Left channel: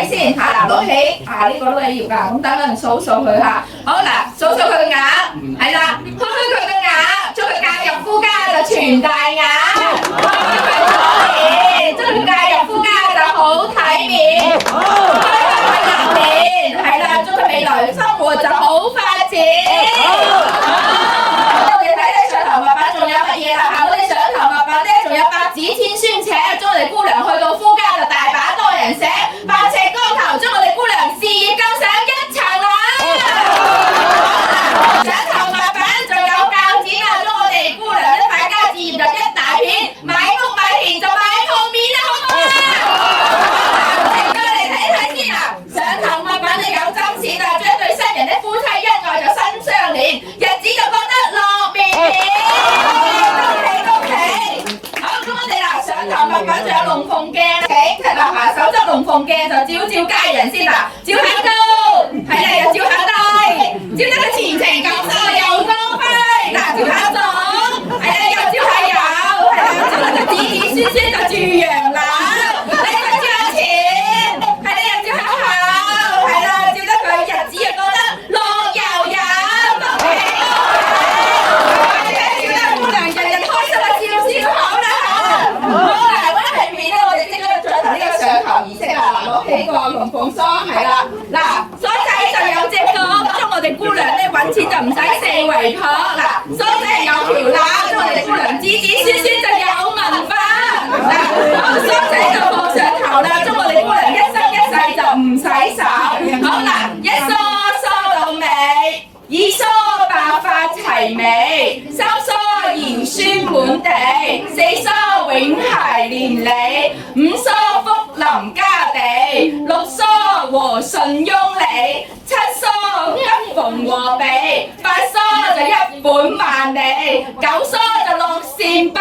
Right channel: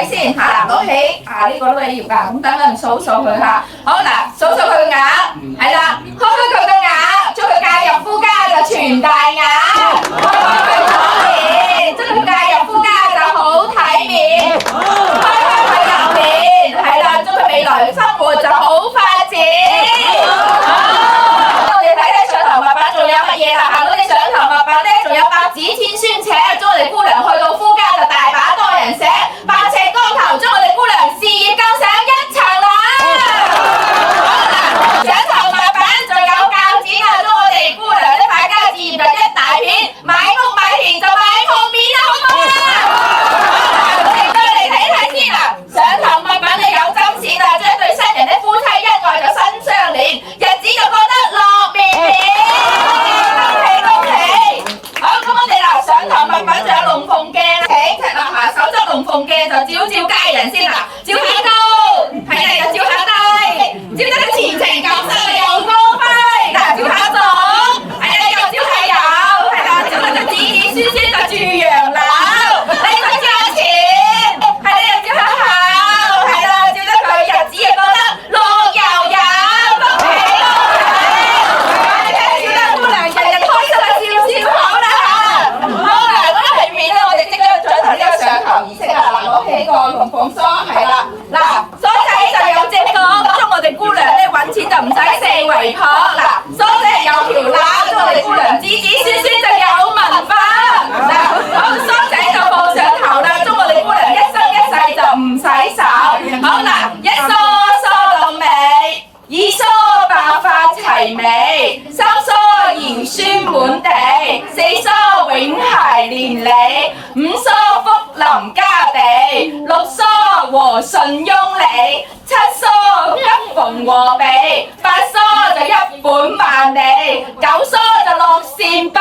睇先嚇，嗱攞起呢個都你要㗎，咁等陣數數佢嚇。好嗱，數數佢嘅額，係啦，開開佢嘅額，將佢嫁入夫家就全大額，將佢嫁入夫家就好體面，開開佢入面，係啦，將佢未來生活就好發展。我哋睇睇上頭物品仲有乜嘢啦？行到你上頭物品咧，仲有百子千孫且，將我哋姑娘去到夫家就大把多人寫，百尺竿頭，將我哋姑娘事業更上一層樓。上頭物品仲有鉸剪啊，將我哋姑娘啲敗家事業就一大片，買屋買田就買鋪面啦，好唔好啊？我哋過嚟睇睇先啦，上頭物品你有針線啊，將對新人啲夫妻恩愛就新相連，日子就過得樂綿綿。恭喜！好，咁我哋嗱上頭物品仲有龍鳳鏡，請赤立下手執龍鳳鏡就照照佳人先啦，照下高，係啦又照下低，照得個前程錦繡又光輝，嗱照下左，係啦又照下右，係啦照得個子子孫孫就住洋樓，你就照下前，係啦又照下後，係啦照得佢日子又過得樂悠悠，恭喜！照得姑娘日日開心啊，笑笑口啦嚇！好啦，咁喺片咧，我哋即刻進行呢個上頭儀式啊！嗱，攞起個龍鳳梳，係啦，嗱，梳仔就有隻角，咁我哋姑娘咧揾錢就唔使四圍撲，嗱，梳仔係有條攬，咁我哋姑娘子子孫孫就有文化，嗱，好，梳仔就放上頭啦，咁我哋姑娘一生一世就唔洗手，好嗱，一梳梳到尾，二梳白髮齊眉，三梳兒孫滿地，四梳永諧連理，五梳福臨家地，六梳和順雍利，七梳吉逢禍避，八梳就一本萬利，九梳就樂善百